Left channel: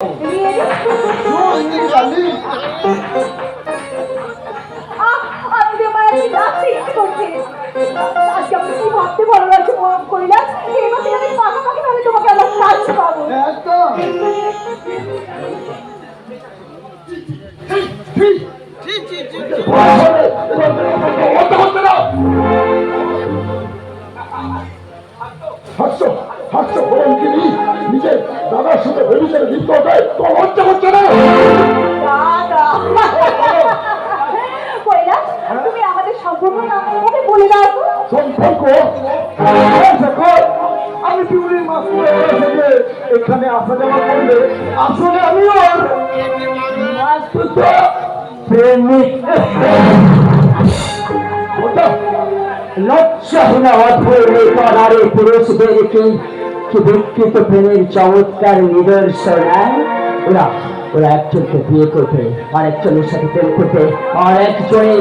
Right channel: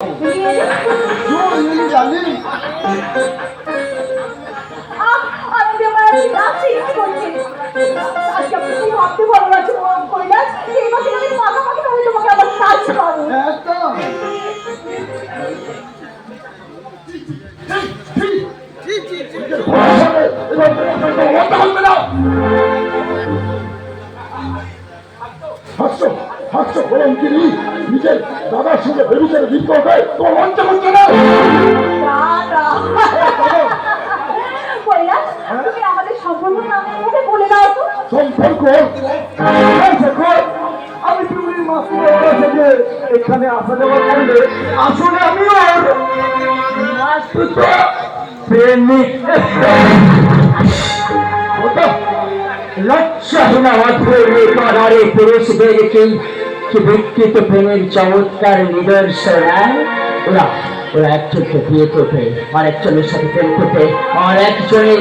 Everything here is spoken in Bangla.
ভাবতে ভালো লাগছে কৈলাস, এই বছর আমি পাকাপাকি ভাবে তোমাকে আমার কাজ পাবো। নিজের দাদার সঙ্গে ভেবেছেন লিপ্ত হয় তোমার লজ্জা করছে না? কৈলাস, তুমি আমাদের সম্পর্ক আমাকে বলে দাও তো। সম্পর্ক? আমি পিউলির মাস্টারের কাছে যে এখানে আসা যাওয়া করলে আসলে আমি ওর প্রেমিক। লজ্জাহীনা অধৈর্য নারী পুরুষদের কি বিকৃত প্রেমের চমৎকার নিদর্শন। ওরা ওরা একজনকে বিয়ে করবে, আর একজনের সাথে প্রেম করবে, আর একজনের